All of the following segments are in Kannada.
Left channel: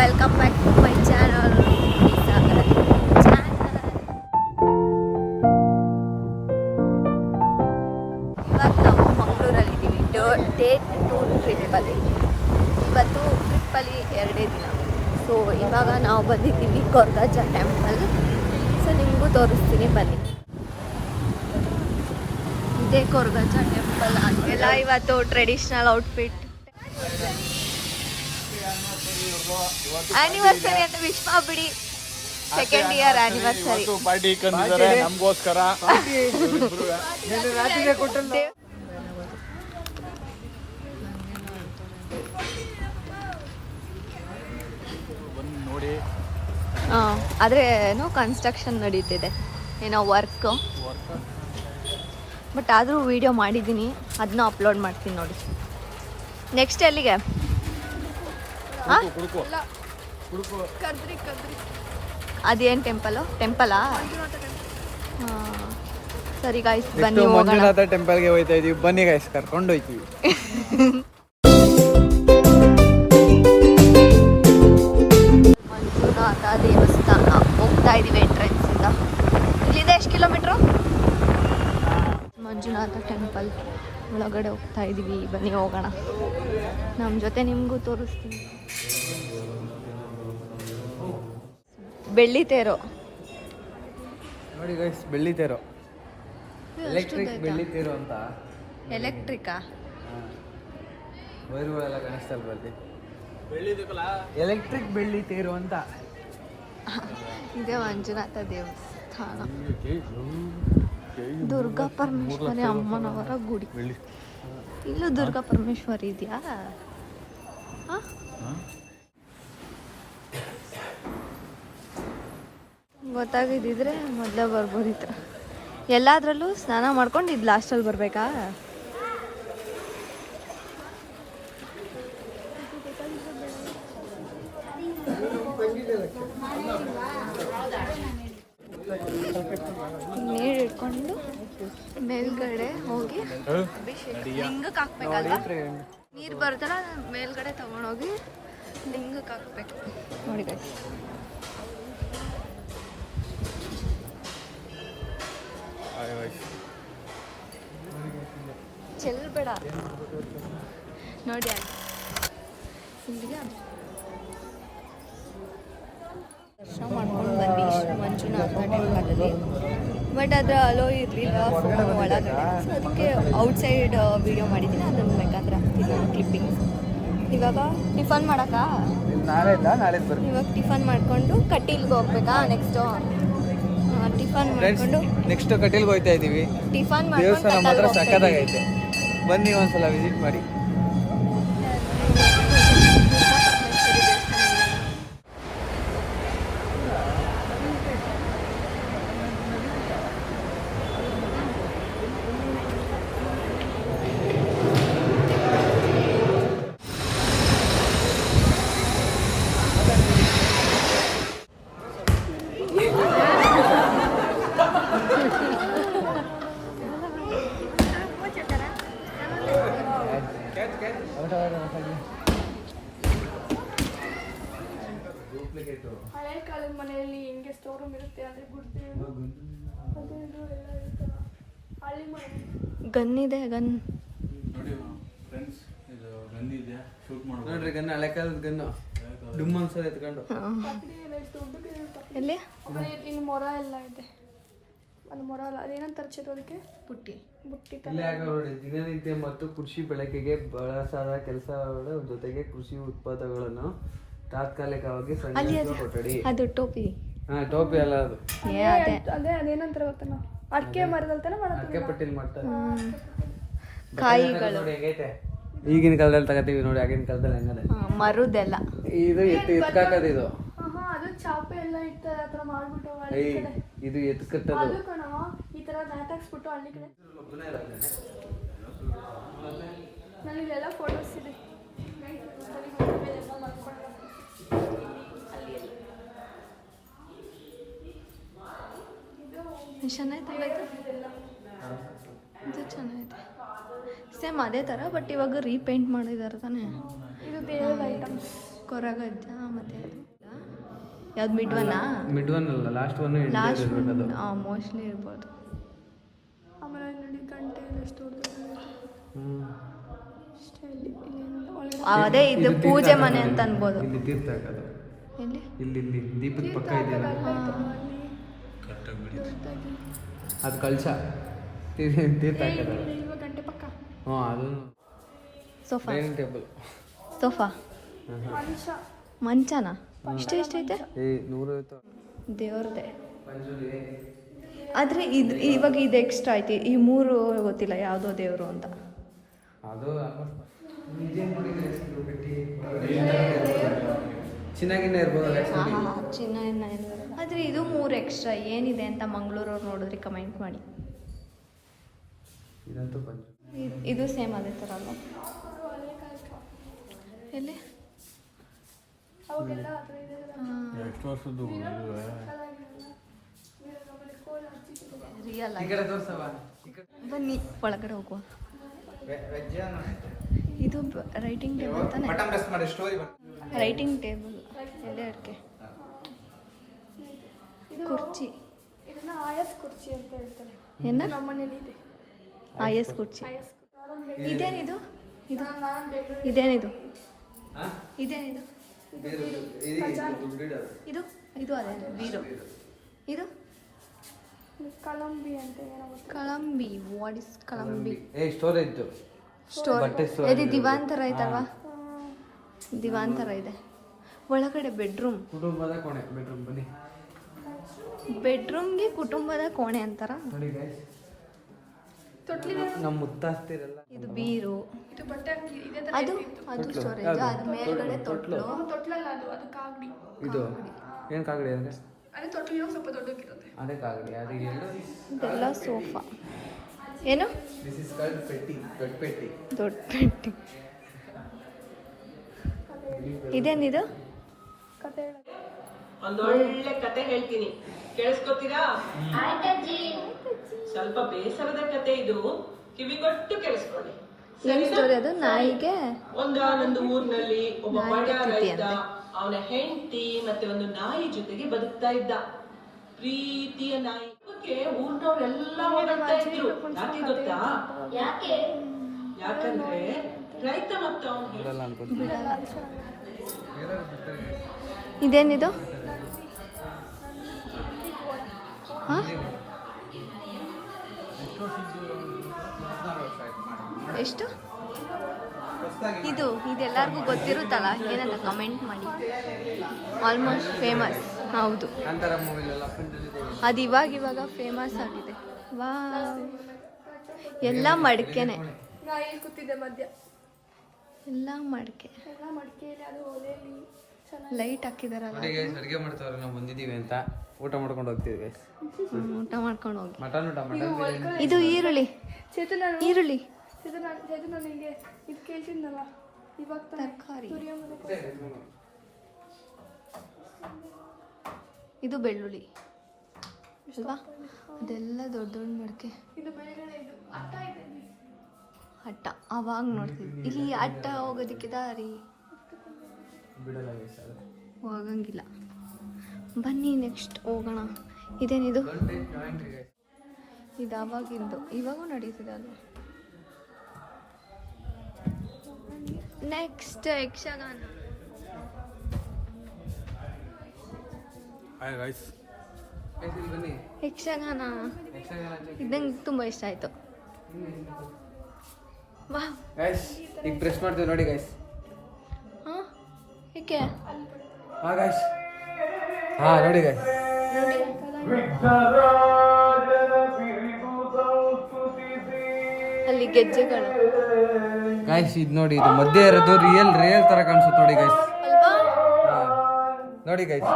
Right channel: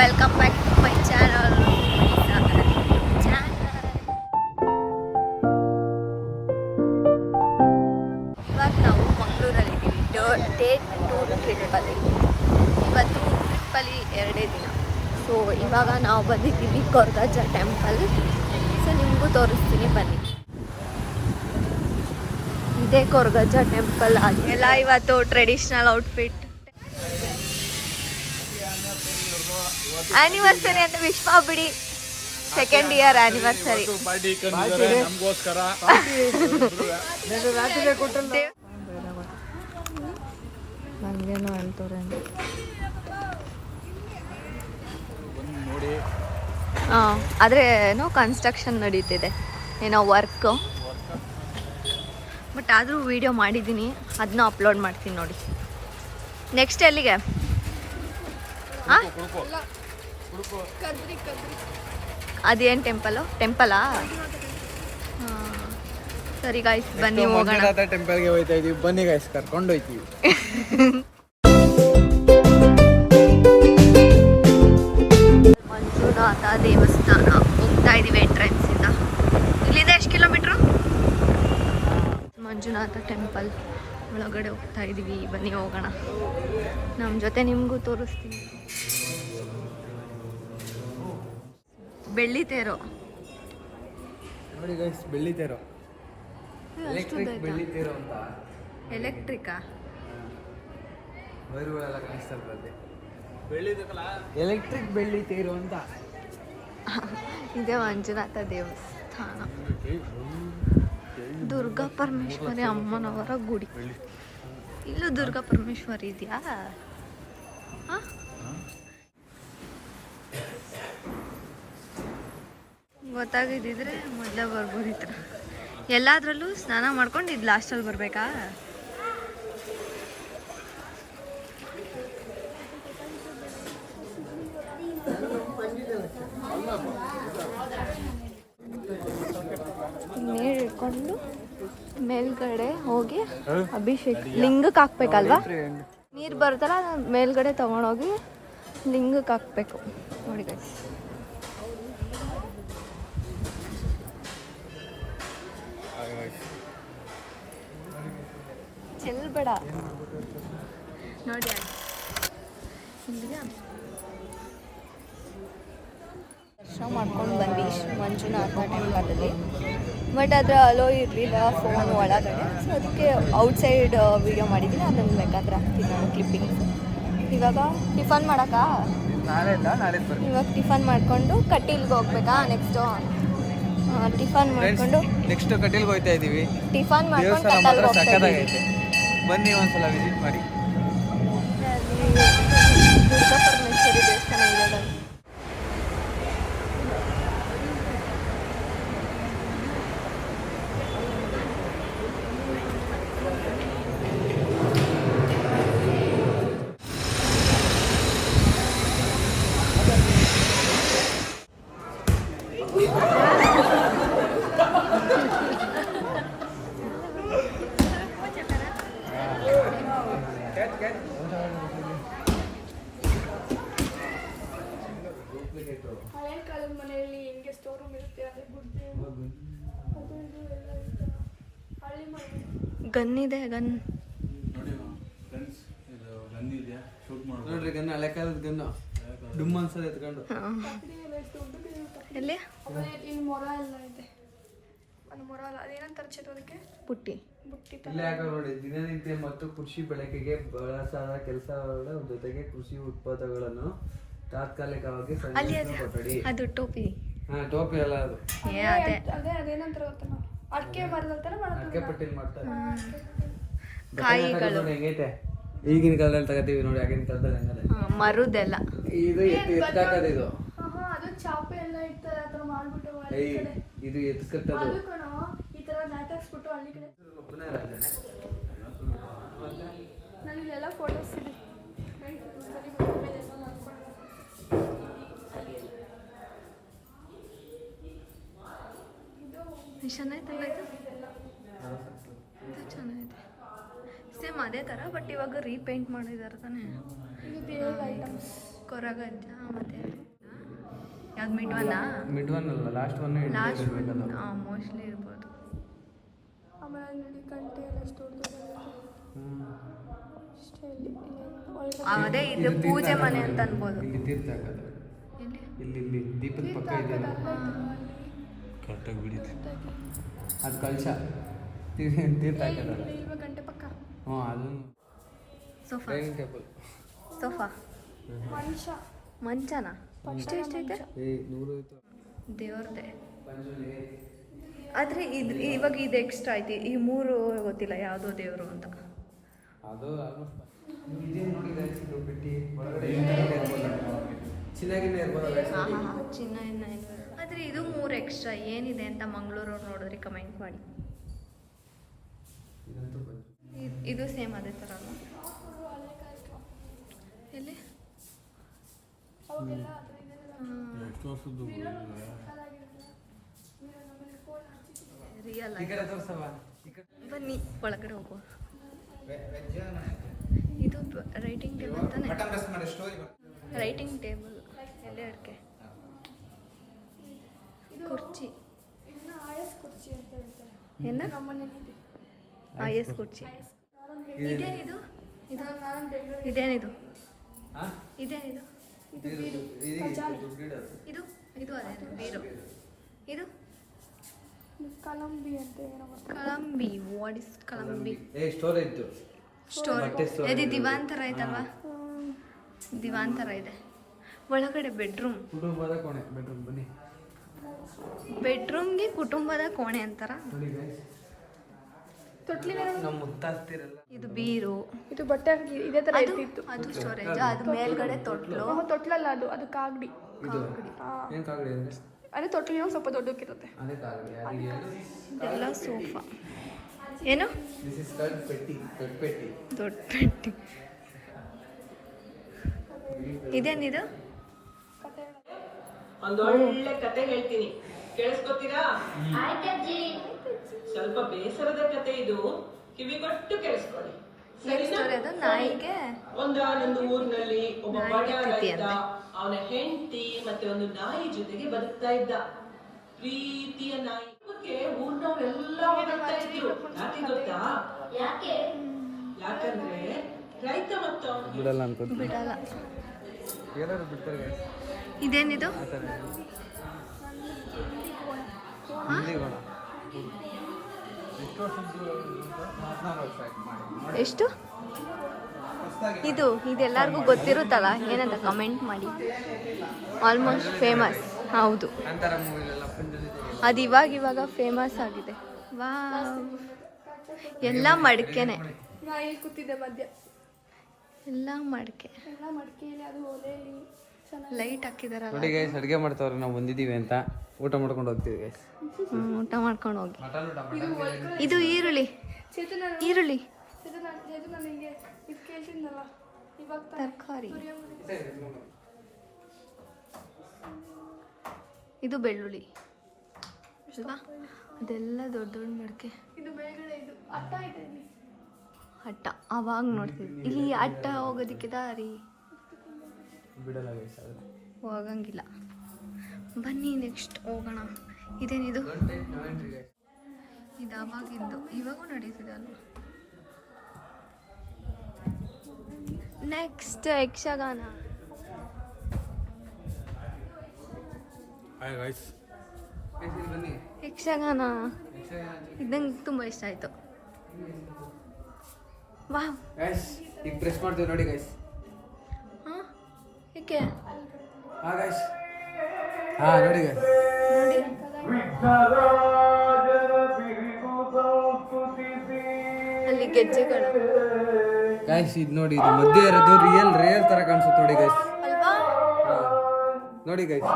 Welcome back to my channel. ಇವಾಗ ನಾವು ಮಂಗಳೂರಲ್ಲಿದ್ದೀವಿ. ಡೇ 2 ಟ್ರಿಪ್ಪಲ್ಲಿ. ಇವತ್ತು ಟ್ರಿಪ್ಪಲ್ಲಿ 2 ದಿನ. ಸೊ ಇವಾಗ ನಾವು ಬಂದಿದ್ದೀವಿ ಕೊರಗಜ್ಜ ಟೆಂಪಲ್. ಸೊ ನಿಮಗೂ ತೋರಿಸ್ತೀನಿ ಬನ್ನಿ. ಇದೇ ಕೊರಗಜ್ಜ ಟೆಂಪಲ್. ಎಲ್ಲ ಇವತ್ತು ಟ್ರೆಡಿಷ್ನಲ್ ಔಟ್ಫಿಟ್. ಆನಿವರ್ಸರಿ ಅಂತ ವಿಶ್ ಮಾಡ್ಬಿಡಿ. 2nd year anniversary. ನಮಗೋಸ್ಕರ ನೋಡಿ. ಆದರೆ ಏನೋ ಕನ್ಸ್ಟ್ರಕ್ಷನ್ ನಡೀತಿದೆ, ಏನೋ ವರ್ಕ್. ಬಟ್ ಆದರೂ ವಿಡಿಯೋ ಮಾಡಿದ್ದೀನಿ, ಅದನ್ನ ಅಪ್ಲೋಡ್ ಮಾಡ್ತೀನಿ ನೋಡಿ. ನೆಕ್ಸ್ಟ್ ಎಲ್ಲಿಗೆ? ಅದೇನು ಟೆಂಪಲಾ? ಸರಿ ಗಾಯ್ಸ್, ಬನ್ನಿ ಹೋಗೋಣ. ಟೆಂಪಲ್ಗೆ ಹೋಗ್ತಾ ಇದೀವಿ, ಬನ್ನಿ ಗಾಯ್ಸ್, ಕರ್ಕೊಂಡು ಹೋಗ್ತೀವಿ. ಮಂಜುನಾಥ ದೇವಸ್ಥಾನ ಹೋಗ್ತಾ ಇದೀವಿ ಎಂಟ್ರೆನ್ಸ್ ಇಂದ. ಇಲ್ಲಿಂದ ಎಷ್ಟು ಕಿಲೋಮೀಟ್ರು? ಮಂಜುನಾಥ ಟೆಂಪಲ್ ಒಳಗಡೆ ಹೋಗ್ತಾ ಇದೀವಿ, ಬನ್ನಿ ಹೋಗೋಣ. ನಮ್ಮ ಜೊತೆ ನಿಮಗೂ ತೋರಿಸ್ತೀವಿ. ಬೆಳ್ಳಿ ತೇರು ನೋಡಿ ಗೈಸ್, ಬೆಳ್ಳಿ ತೇರು. ಎಲೆಕ್ಟ್ರಿಕ್ ಬೆಳ್ಳಿ ತೇರು ಅಂತ. ಎಲೆಕ್ಟ್ರಿಕಾ? ವೈರುಗಳೆಲ್ಲ ಕಾಣಿಸ್ತಾ ಇರ್ತದೆ. ಎಲೆಕ್ಟ್ರಿಕ್ ಬೆಳ್ಳಿ ತೇರು ಅಂತ. ಇದೇ ಮಂಜುನಾಥ ದೇವಸ್ಥಾನ. ದುರ್ಗಾ ಪರಮೇಶ್ವರಿ ಅಮ್ಮನವರ ಗುಡಿ. ಇಲ್ಲೂ ದುರ್ಗಾ ಪರಮೇಶ್ವರಿ ಇದೆಯಾ? ಗೊತ್ತಾಗಿದ್ದಿದ್ರೆ ಮೊದಲೇ ಬರ್ಬೋದಿತ್ತು. ಎಲ್ಲಾದ್ರಲ್ಲೂ ಸ್ನಾನ ಮಾಡ್ಕೊಂಡು ಇದು ಲಾಸ್ಟಲ್ಲಿ ಬರಬೇಕಾ? ನೀರು ಇಟ್ಕೊಂಡು ಮೇಲ್ಗಡೆ ಹೋಗಿ ಅಭಿಷೇಕ ಲಿಂಗಕ್ಕೆ ಹಾಕ್ಬೇಕಲ್ವಾ? ನೀರು ಬರ್ತಲ್ಲ, ಮೇಲ್ಗಡೆ ತಗೊಂಡೋಗಿ ಲಿಂಗಕ್ಕೆ ಹಾಕ್ಬೇಕು ನೋಡಿ ಗೈಸ್. ಚೆಲ್ಬೇಡ ನೋಡಿ. ದರ್ಶನ ಮಾಡ್ಕೊಂಡು ಬಂದ್ವಿ ಮಂಜುನಾಥ ಟೆಂಪಲಲ್ಲಿ. ಬಟ್ ಅದರ ಅಲೋ ಇರಲಿಲ್ಲ ಫೋನ್ ಒಳಗಡೆ. ಸೊ ಅದಕ್ಕೆ ಔಟ್ಸೈಡ್ ವಿಡಿಯೋ ಮಾಡಿದ್ದೀನಿ, ಅದನ್ನು ಬೇಕಾದ್ರೆ ಹಾಕ್ತೀನಿ ನಾನು ಕ್ಲಿಪ್ಪಿಂಗ್ಸ್. ಇವಾಗ ಟಿಫನ್ ಮಾಡೋಕ್ಕಾ? ಇವಾಗ ಟಿಫನ್ ಮಾಡಿಕೊಂಡು ಕಟೀಲ್ಗೆ ಹೋಗ್ಬೇಕಾ? ನೆಕ್ಸ್ಟು ಟಿಫನ್ ಮಾಡಿಕೊಂಡು ನೆಕ್ಸ್ಟ್ ಕಟೀಲ್ಗೆ ಹೋಗ್ತಾ ಇದೀವಿ. ಟಿಫನ್ ಮಾಡ್ಕೊಂಡು ಕಟೀಲ್ಗೆ ಹೋಗ್ತಾ ಇದ್ದೀವಿ. ಬನ್ನಿ ಒಂದ್ಸಲ ವಿಸಿಟ್ ಮಾಡಿ. ದುರ್ಗಾ ಪರಮೇಶ್ವರಿ ದೇವಸ್ಥಾನ ಇರೋದು. ಹಳೆ ಕಾಲದ ಮನೆಯಲ್ಲಿ ಹಿಂಗೆ ಸ್ಟೋರ್ ರೂಮ್ ಇರುತ್ತೆ, ಅದೇ ಗುಡ್ಡೆ ಅದು ಇದು ಎಲ್ಲ ಇರುತ್ತೆ. ಹಳೆ ಮನೆ ಗನ್ನಿದೆ, ಗನ್ ನೋಡಿ ಫ್ರೆಂಡ್ಸ್, ಇದು ಗನ್ ಇದೆಯಾ? ಶೂಟ್ ಮಾಡ್ಬೋದು ನೋಡ್ರಿ. ಗನ್ ಹಳೆ ಕಾಲದ ಗನ್ನು, ಡುಮ್ ಅನ್ಸೋದು ಎತ್ಕೊಂಡು. ಕತ್ರಿ ಎಲ್ಲ ಎಷ್ಟು ದೊಡ್ಡದು ಇರುತ್ತೆ. ಎಲ್ಲಿ? ಆಮೇಲೆ ಇಲ್ಲಿ ಮೊರ ಎಲ್ಲ ಇದೆ. ಅದು ಮೊರ ಅಲ್ಲ, ಅದೇನಂತಾರೆ ಚಿರೋದಕ್ಕೆ? ಪುಟ್ಟಿ. ಬುಟ್ಟಿ ಇಲ್ಲೇ ಹಾಕ ನೋಡಿ. ದಿನನಿತ್ಯ ಮತ್ತು ಕೃಷಿ ಬೆಳಕಿಗೆ ಬಳಸಾದ ಕೆಲಸಗಳ ಜೊತೆಗೆ ಕೃಷಿ ಉತ್ಪನ್ನಗಳನ್ನು ತಾತ್ಕಾಲಿಕವಾಗಿ ಸಂಗ್ರಹಿಸುವ ಕೊಠಡಿ. ಅದು ಟೋಪಿ. ಟೋಪಿ ಅಲ್ಲ ಅದು. ಅದೇ ಅದೇನಂತಾರೆ ಗೊತ್ತಲ್ಲ, ಅಡಿಕೆ ಮರದಲ್ತಾನೆ ಅಡಿಕೆ ಪಟ್ಟಿಲ್ ಮಾಡ್ತಾರೆ. ಕಾಯಿಗಳು ಹೇಗೈತೆ ಈಗಿನ ಕಾಲದಲ್ಲಿ ತಗೋತೀವಿ ನೋಡಿ, ಆಗಿನ ಕಾಲದಲ್ಲಿ ಹಂಗದೆ. ಮರುದೆಲ್ಲ ಇದು ಎತ್ಕಾಕದ. ಇದು ಅದು ಚಾಪೆ ಎಲ್ಲ ಇರ್ತಾರೆ, ಆ ಥರ ಮಾಡ್ಬಿಟ್ಟು ಇದು ಎತ್ಕಟ್ಟದು. ಅದು ಕಣ ಈ ಥರ ನಾಟಾಕ್ಸ್ಬಿಟ್ಟು ಹಳ್ಳಿ ಕಡೆ. ನನಗೆಲ್ಲ ಫೋಟೋಸ್ ಇದೆ. ಚೆನ್ನಾಯ್ತಲ್ಲ ಇದು? ಇದು ಚೆನ್ನಾಗಿದೆ. ಸೇಮ್ ಅದೇ ಥರ, ಬಟ್ ಇವಾಗ ರೀಪೇಂಟ್ ಮಾಡಿದ್ದಾರೆ ತಾನೇ. ಇದು ದೇವರ ಐಟಮ್ಸ್. ಕೊರಗಜ್ಜ ಮತ್ತೆ ಯಾವ್ದು ಮಿಡ್ವನ್ನ ಮಿಡ್ ಒನ್ ಅಲ್ಲ, ಲಾಸ್ಟ್ ಒನ್. ಲಾಸ್ಟ್ ಮೋಸ್ಟ್ಲಿ ಇರ್ಬೋದು. ಅದೇ ಇದು ಪೂಜೆ ಮನೆ ಅಂತ ಅನ್ಬೋದು. ಇಲ್ಲಿ ತೀರ್ಥ ಹಾಕೋದು. ಎಲ್ಲಿ? ಇಲ್ಲಿ ದೀಪದ ಪಕ್ಕ ಇದೆಯಲ್ಲ, ಅದು ಕಳಶ ತೀರ್ಥ ಹಾಕೋದು. ಹಾಂ, ಅದೊಂದು ಸೋಫಾ. Dining table. ಸೋಫಾ ಮಂಚನ ಇಷ್ಟು ಎಷ್ಟೈತೆ? 150. ದೇವ್ರದೇ. ಆದರೆ ಇದು ಇವಾಗ ಇದು ಎಕ್ಸ್ಟ್ರಾ ಐತಿ. ಈ 3 ಗೊತ್ತಿಲ್ಲ ಯಾವುದೋ ದೇವರು ಅಂತ. ಅದು ಚಿನ್ನಾಗಿನೇ ಇರ್ಬೋದು. ಹಾಂ ಚಿನ್ನ. ಆದರೆ ಇದು 3 ಎಕ್ಸ್ಟ್ರಾ ಏನಿದೆ ಅಂತ ಮಂಗಳೂರವ್ರು ನೋಡಿದ್ರೆ ಕಮೆಂಟ್ ಮಾಡಿ. ಇದಂತೂ ಇದು ಸೇಮ್ ಅದೇ ಥರ ಅಲ್ವಾ? ಎಲ್ಲಿ? ರಿಯಲ್ ಆಗಿ ಬನ್ನಿ ಒಳಗಡೆ ಹೋಗುವ. ಇದು ರೈಟಿಂಗ್ ಟೇಬಲ್ ತಾನೆ? ರೈಟಿಂಗ್ ಟೇಬಲ್ ಎಡೆ ಅಡಿಕೆ ಕುರ್ಚಿ. ಇದನ್ನ ಆಯಸ್ ಕುರ್ಚಿ ಅಂತ ಹೇಳ್ತಾರೆ. ಏನು? ನಮ್ಮ ಮನೇಲಿ ಇದೆ ಆಯಸ್ ಕುರ್ಚಿ. ಇದೇನಿದು? ಇದು ನಾನು ಬೆಂಗಳೂರು ಇದೇನಿದು? ಇದೇನಿದು? ಇದು ಇದು ಅದೇ ಬೀರು. ಇದು ಕಲಂಬಿ ಅಂತ ಏನೋ ಗೊತ್ತಿಲ್ಲ. ಕಲಂಬಿ. ವಾಟ್ ಇಸ್ ಕಲಂಬಿ? Storage store. ಇದು ದಿವಾನ್ ಥರ ಐತಲ್ವಾ? ದಿವಾನ್ ಥರ ಇದೆ. ಒಳಗಡೆ ಬೆಡ್ರೂಮ್. ಕುಟುಂಬದ ಕೋಣೆ. ಬೆಡ್ರೂಮ್ ಬನ್ನಿ. ಬೆಡ್ರೂಮ್ಗೆ ಕುಟುಂಬದ ಕೋಣೆ ಅಂತಾರ. ನಮ್ಮ ಮುತ್ತಾಸ್ತಿರಲ್ಲ. ಇದು ಬೀರು. ಇದು ಬಟ್ಟೆ ಹಾಕಿ ಇದೇ ತರ ಅದು ಇತ್ತು. ಅದು ಸ್ಟೋರೇಜ್. ಅದು ಮೇಲ್ಗಡೆ ತೊಟ್ಲು. ತೊಟ್ಲಲ್ಲ, ಅದು ಕಾಗಡಿ. ಇದು ಏನು ಕಾಗಡಿ ಅಂದರೆ? ಅದೇ ತೊಟ್ಲಿನ ಸ್ವಲ್ಪ ದೊಡ್ಡಕ್ಕಿರುತ್ತೆ. ಅದೇ ಕಾಗಡಿ. ಅದಕ್ಕೆ ಹೇಳು. ಇದೆಲ್ಲ ಸೋಫಾ. ಏನು? ದಿಸ್ ಇಸ್ ಕಾಲ್ಡ್ ಪೆಟ್ಟಿ. ದೊಡ್ಡ ಪೆಟ್ಟಿ. ದೊಡ್ಡ ಪೆಟ್ಟಿ. ಇದೇನಿದು? ಕತೆ ಒಂದು ಒಳ್ಳೆ ಕತೆ ಹೇಳ್ತೀನಿ, ಕೇಳಿಸ್ಕೊತೀರಾ? ಸ್ವಲ್ಪ ಬೇಸರದ ಕತೆ ಇದು, ಕಿವಿಗೊಟ್ಟು ಕೇಳಿಸ್ಕೊಳ್ಳಿ. ಏನ್ ಸ್ಟೋರಿ ಅದು? ನಾಯಿಗೆ ಒಂದಾನೊಂದು ಊರಿನಲ್ಲಿ ಒಬ್ಬ ಬಡ ರೈತ, ಅವನ ಹೆಂಡತಿ ಮತ್ತೆ ಒಂದು ನಾಯಿ ಜೊತೆಗೆ ಬದುಕ್ತಾ ಇದ್ದ. ಪ್ರೀತಿಯ ನಾಯಿ. ಊರ್ನವ್ರೆಲ್ಲ ಹೊಗಳ್ತಾ ಇದ್ರು. ಯಾಕೆ ಗೊತ್ತಾ? ಯಾಕಂದ್ರೆ ರೈತ ಮತ್ತು ಅವನು ಬಿಡಲ್ಲ. ಇದೇನಿದು? ಎಷ್ಟು? ಇದೆಲ್ಲರಿಗೂ ಗೊತ್ತಿರುತ್ತಲ್ಲ, ಏನಂತ ಕಮೆಂಟ್ ಮಾಡಿ. Almost famous. ಹೌದು, ಅದು ಇವಾಗ ಫೇಮಸ್ ಆಗಿದೆ. ವಾ, ಎಲ್ಲ ಮಡಿಕೆನೆ. ನಾ ಇಲ್ಲಿ ಕೂತಿದ್ದೆ ಮಧ್ಯ. ಎಲ್ಲ ಮಡಿಕೆ. ಎಲ್ಲ ಮಡಿಕೆಯಲ್ಲಿ, ಅದು ಒಲೆಯಲ್ಲಿ ಲೈಟ್ ಹಾಕಿದಾರಲ್ಲ. ಅಡುಗೆ ಮಾಡ್ತಾವ್ರೆ. ನಾವು ಬಂದಿದ್ದೀವಿ ಅಂತ ಊಟ ಮಾಡ್ಕೊಂಡು ಹೋಗ್ತೀವಿ. ಊಟ ಮಾಡ್ಕೊಂಡು ಹೋಗಿ. ಮಟನ್. ಇದು ಈರುಳ್ಳಿ. ಚೇತನ ಈರುಳ್ಳಿ ನನಗೆ ಇದು ಕೇಳಿಸಿದ್ನಲ್ಲ ಇವಾಗ ತರಕಾರಿ. ಇದು ಬೆಳ್ಳುಳ್ಳಿ ಅಲ್ವಾ? ಅದೆಲ್ಲ ದೊಡ್ಡ ದೊಡ್ಡ ಮಡಿಕೆ. ಇದು ಮೇಲ್ಗಡೆ ಇದು ಅಟ್ಟ ಇದೆ. ಅಟ್ಟ ಅವಾಗ ನೋಡ್ತಿದ್ವಿ. ಇಲ್ಲಿ ಅಟ್ಟ ಹೋಗೋದಕ್ಕೆ ದಾರಿ ಹೋಗಂಗಿಲ್ಲ. ಬನ್ನಿ ನೆಕ್ಸ್ಟ್ ಹೋಗೋಣ. ಇದೇನಿದು? ಇದು ಅವಾಗಿದ್ದು, ಇವಾಗೂ ನಡೀತಿದೆ ಅಲ್ವಾ? ನೆಕ್ಸ್ಟ್ ಯಕ್ಷಗಾನ. ಯಕ್ಷಗಾನ ಇದಂಗೆ ತುಂಬ ಇಷ್ಟ ಆಯಿತು. ವಾ, ಈಗ ಡ್ರೆಸ್ ಮಾಡ್ತೀವಿ ನೋಡಿ ಗೈಸ್. ಹಾಂ, ಏಕೆ? ಹಾ ಗೈಸ್, ಹಾ ನೋಡಿ ಗೈಸ್, ನೋಡಿ. ಅಲ್ಲಿ ಗೆಜ್ಜೆಗಳು. ಗೈಸ್ ಇದು ನೋಡಿ, ಇದು ಮಧ್ಯೆ ಇರೋದು ರಿಯಲ್ ತರ ಕಾಣಿಸುತ್ತೆ ನೋಡಿ ಗೈಸ್. ಅಲ್ವಾ? ನೋಡಿ ಗೈಸ್,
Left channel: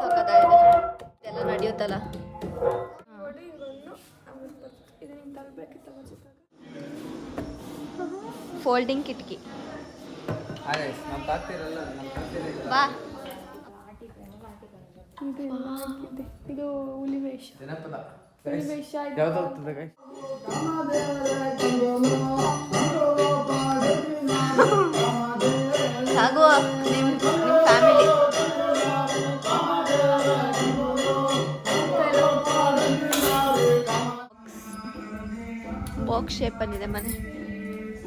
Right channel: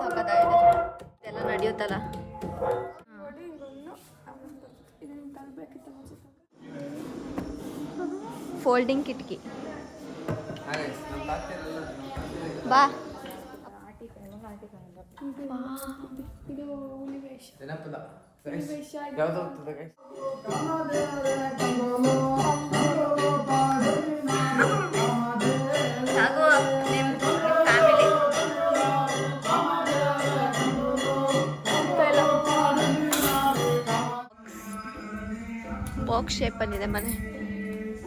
ಸಾಕಾಗಿದೆ. ಇದೆಲ್ಲ ನಡೆಯುತ್ತಲ್ಲ. ಫೋಲ್ಡಿಂಗ್ ಕಿಟಕಿ. ಬಾ. ಇದು ಹುಲಿವೇಷ. ಹುಲಿವೇಷ. ಬಾಕ್ಸ್ ಶೇಪ್ ಬಂದಿದೆ ಮನೆ.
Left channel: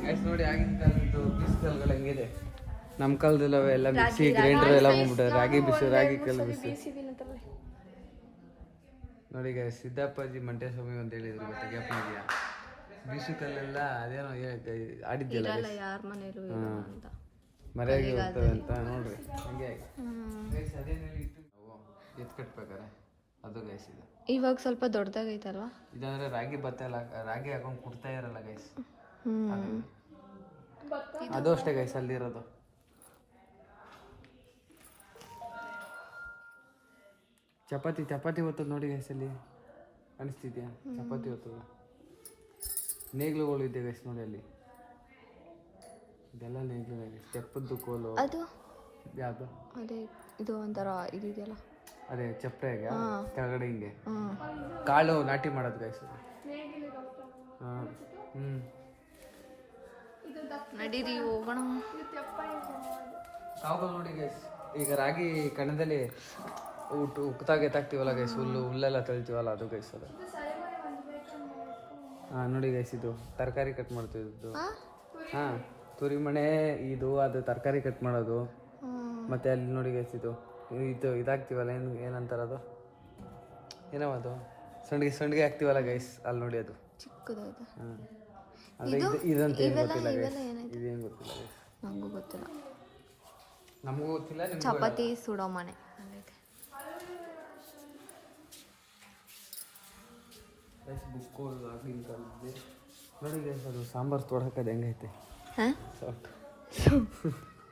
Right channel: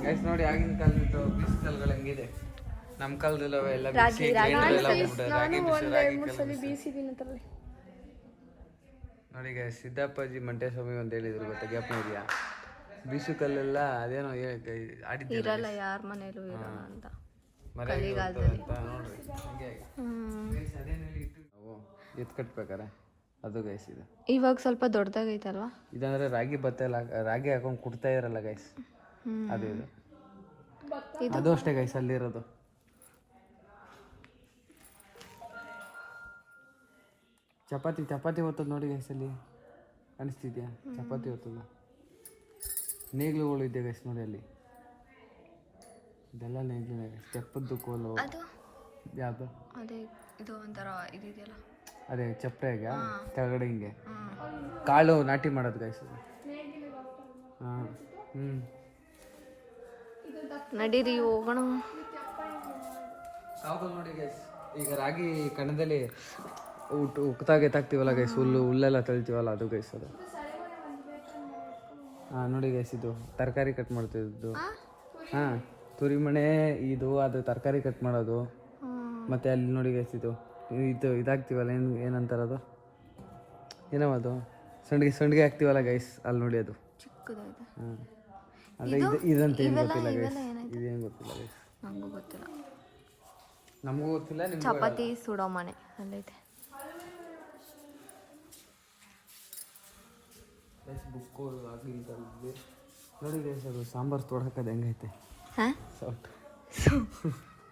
ಗೈಸ್ ನೋಡಿ ಆಗಿನ ಕಾಲದ ಬಿಸಿಲುಗಳು ಹೆಂಗಿದೆ. ನಮ್ಮ ಕಾಲದಲ್ಲ ಎಲ್ಲ ರಾಗಿ ರಾಗಿ ಬಿಸಿ ರಾಗಿ ಕಲ್ಲು ನೋಡಿ ಗೈಸ್. ಸಿದ್ದಪ್ಪಾಜಿ ಮಂಟೇಸ್ವಾಮಿ ಅಂತ ಹೇಳಿದ್ರು ಗೊತ್ತಾ, ಜ್ಞಾಪನ ಇದೆಯಾ? ಬೀಸು ಕಲ್ಲೆಲ್ಲ ಅದೇನೋ ಆಡಿದ್ದಿಲ್ಲ ಇರಲ್ಲ ಯಾರ ಮನೇಲೂ ಇರಲ್ಲ ಅಂತ ನೋಡ್ರಿ ಹಂಗೆ ಇದು ಕಟ್ಬೇಕಾರೆ ಅದು ಗೈಸ್. ಇದು ಇವಾಗ ಸ್ವಲ್ಪ ದೊಡ್ಡದಾಗೈತಲ್ವಾ? ಇದಂದ್ರೆ ರಾಗಿ ಭತ್ತ ಎಲ್ಲ ರಾಗಿ ಹಾಕೊಂಡು ಕುಡ್ತಾ ಇರಲ್ಲ ಗೈಸ್, ಅದು ಅದು ಅಷ್ಟೇ ಗೈಸ್ ಅಲ್ಲಿರೋದು. ಚಪಾತಿ ಹೊತ್ತದ ನೋಡಿ ಗೈಸ್, ಅಲ್ಲಿ ಅನಿಸ್ತಿದ್ಯಾ? ಚಪಾತಿ ಹೊತ್ತದ ನೇಗ್ಲುಗಳು ಇದೆ ಗೈಸ್ ನೋಡಿ ಅಲ್ಲಿ, ಇದೆಲ್ಲ ನೇಗ್ಲು ತೆಪ್ಪದ್ದು ಕೋಲು. ಅದು ಯಾವುದು? ಅದೇ ಇದು ಒಂಥರ ಇದೆಯಲ್ಲ, ಅದೇ ಚಪ್ರೆಗೆ ಕೆಳಗಡೆ ಹಿಂಗೆ ಕಾಳು ನಾಟಿ ಮಾಡೋದು ಗೈಸ್. ನಡೀರಿ ಹೋಗೋಣ. ಸಾಕು ನೋಡಿ ಗೈಸ್, ಈಗ ರಾಗಿ ಕಣದಲ್ಲಿ ಉಪ್ತಾಗ ಎತ್ತಾಕ್ತೀವಲ್ಲ ಗೈಸ್, ಹುಲ್ಲೆಲ್ಲ ತೊಳಿತೀವಲ್ಲ ಅದು ಗೈಸ್. ಅದು ನೋಡಿ ಗೈಸ್, ಇದು ತರಕಾರಿ ಕಟ್ ಮಾಡ್ತಿದ್ದು. ತುರಿಮಣೆ ಇದು, ಅದು ತರಕಾರಿ ಕಟ್ ಮಾಡೋದು. ಮತ್ತೆ ಅಲ್ಲಿ ನೋಡಿ ಗೈಸ್, ಇದು ಇದಾಗ್ತೀವಲ್ಲ, ಏನಂತಾರದು, ಏನೋ ಅದು ಸಂಡಿಗೆ ಹಾಕ್ತೀವಲ್ಲ ಗೈಸ್, ಅಲ್ಲಿ ನೋಡಿ ಅದು ಚಿಕ್ಕದಾಯ್ತು. ಇದಂತ ಇವೆಲ್ಲ ಇದೇನು ಗೊತ್ತಿಲ್ಲ ಗೈಸ್, ನನಗೂ ಗೊತ್ತಿಲ್ಲ. ನಮಗೂ ಗೊತ್ತಿಲ್ಲ. ಚಪಾತಿ ಸುಡೋ ಮನೆ ಅಲ್ಲೈತೆ. ಬುಕ್ಕು ಆಗಿನ ಕಾಲದಲ್ಲಿ ನೋಡಿ ಗೈಸ್, ಅದು ಸಾಂಬಾರು ತೊಡಕದು ಹೆಂಗೈತೆ ಸೌಟು,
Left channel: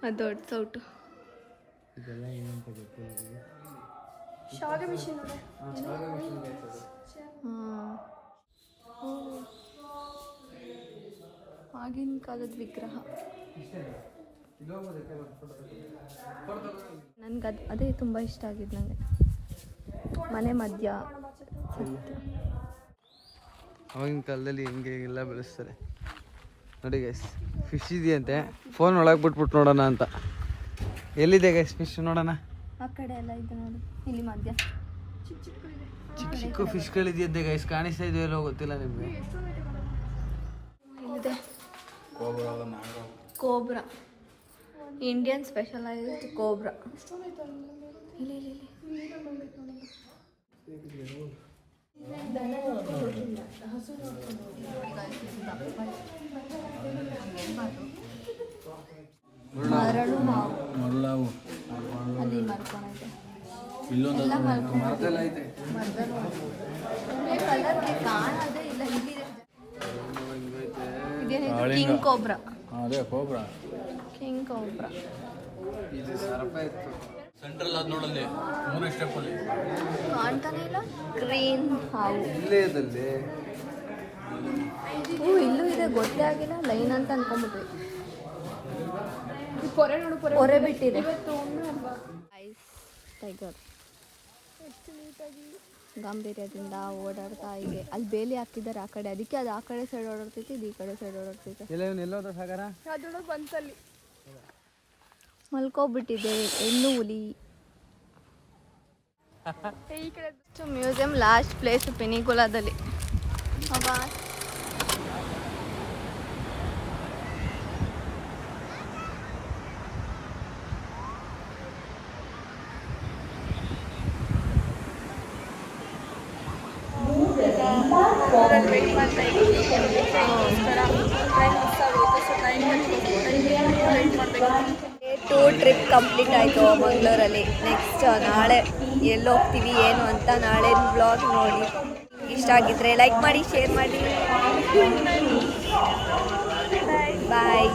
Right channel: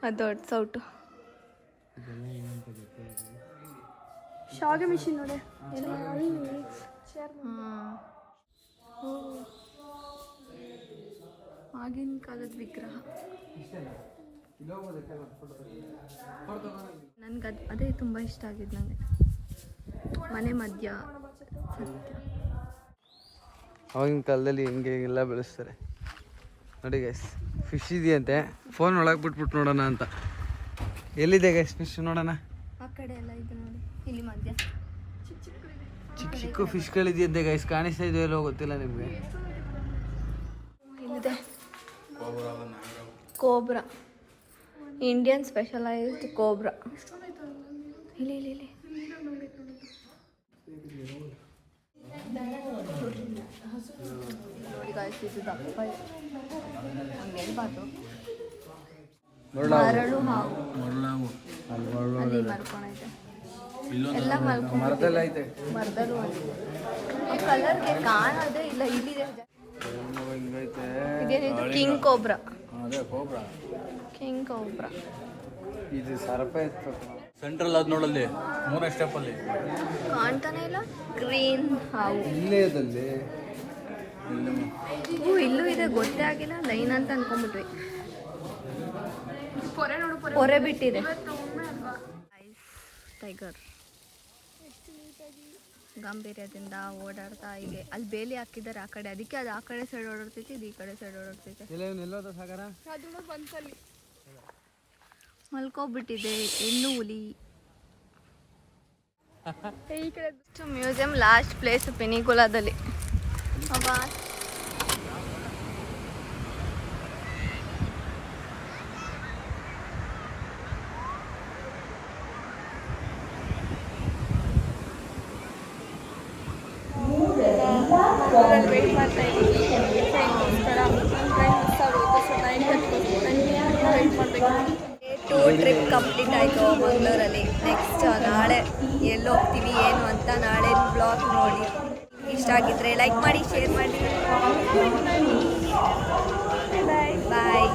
ಅದು ದೊಡ್ಡ ಸೌಟು. ಇದೆಲ್ಲ ಏನಂತ ಗೊತ್ತಿಲ್ಲ. ಶಾವಿಗೆ ಮಿಷಿನ್ ನೋಡಿ. ಆಗಿನ ಕಾಲದ ವಿಗ್ರಹ. ನನ್ಗೆ ಅದೇ ತುಂಬ ಇಷ್ಟ ಆಗಿದ್ದು ನನಗೆ, ಮನೆ ಮಧ್ಯ ಸತ್ಯ. ಅವಾಗಿನ ಕಾಲದಲ್ಲಿ ಹಿಂಗೆ ಎಲ್ಲ ಬೆಳೆಸ್ತಾರೆ ನೋಡಿ ಗೈಸ್. ಫಿಶ್ ಇದೆಯಂತೆ, ಫೋನ್ ಒಳಗೆ ಬಿಟ್ಬಿಟ್ಟು ನೋಡೋಣ ಅಂತ. ಎಲ್ಲಿದೆ ಗೈಸ್ ಫಿಶ್ ನೋಡೋಣ? ಆ ಕಡೆ ಎಲ್ಲ ಇದೆ ನೋಡಿ, ಇಲ್ಲಿ ಮಧ್ಯ ಚಿಕ್ಕ ಚಿಕ್ಕ ಫಿಶ್ಗಳಿದೆಯಂತೆ ಗೈಸ್, ಕಾಣಿಸ್ತಾ ಇದೆಯೋ ಎಲ್ಲೋ ಗೊತ್ತಿಲ್ಲ ನಿಮಗೆ. ಇಲ್ಲಿದೆ ಕೋಬ್ರಾ, ಇಂಡಿಯನ್ ಸ್ಪೆಷಲೈಸ್ಡ್ ಕೋಬ್ರಾ. ಇಲ್ಲಿ ಇಲ್ಲಿ ಇಲ್ಲಿ ಮರಳು ಹಾವು ಅಲ್ಲಿ ಮಲ್ಕೊಂಡೈತೆ, ಎಲ್ಲ ಮಲ್ಕೊಂಡೈತೆ ಮರದಲ್ಲೂ. ಆ ಕಲರ್ಗೆ ಕಾಣೋದೇ ಇಲ್ಲ. ಇಲ್ಲಿದೆ ಇದೇನಿದು, king cobra. King cobra central ಅದು ನೋಡಲ್ಲಿ 3 ಸ್ಟೆಪ್ ಅಲ್ಲಿ ಕಾಣ್ತಾನೆ ಇಲ್ಲ. ಗ್ರೀನ್ ಹಾವು ಇಲ್ಲೇ ಇದಲ್ಲಿ. ಇಲ್ಲೂ ಇದೆ, ಗೊತ್ತೇ ಆಗಿಲ್ಲ. ಲೈನ್ ಅಂತ ಅನ್ಕೊಂಡ್ಬಿಟ್ವಿ. ಪೊರೆ ನೋಡು, ಪೊರೆ ಬಿಟ್ಟಿದೆ. ಟೈಗರ್ ಗಾಂಭೀರ್ಯದಿಂದ ಓಡಾಡ್ತಾ ಹೀಗೆ. ಅಲ್ಲಿ ಬೇಲಿ ಹಾಕಿದ್ದಾರೆ ಆ ಕಡೆ, ಅದಕ್ಕೆ ಅದು ಆ ಕಡೆ ಸೈಡ್ ಓಡಾಡ್ತೈತಿ, ಇದು ಈ ಕಡೆ ಸೈಡ್ ಓಡಾಡ್ತೈತೆ. ಮಲ್ಕೋಬಿಟ್ಟಿದೆ ಹೆಣ್ಣು ಹುಲಿ. ಮ್ಯೂಸಿಯಂ ಲಾಸ್ಟ್ ಪ್ಲೇಸ್ ಪೆನಿಗುಲಾದಲ್ಲಿ. ಟೂ ಟ್ರಿಪ್ ಕಂಪ್ಲೀಟ್ ಆಯಿತು ಮಂಗಳೂರಲ್ಲಿ. ನೆಕ್ಸ್ಟ್ ನಾಳೆ ಎಲ್ಲಿ ಹೋಗ್ತೀವಿ ಏನು ಅಂತ ನಾಳೆ ಬ್ಲಾಗ್ ನೋಡಿ. ಇಷ್ಟ ಆಗಿದ್ರೆ ಲೈಕ್ ಮಾಡಿ, ಶೇರ್ ಮಾಡಿ. ಬಾಯ್.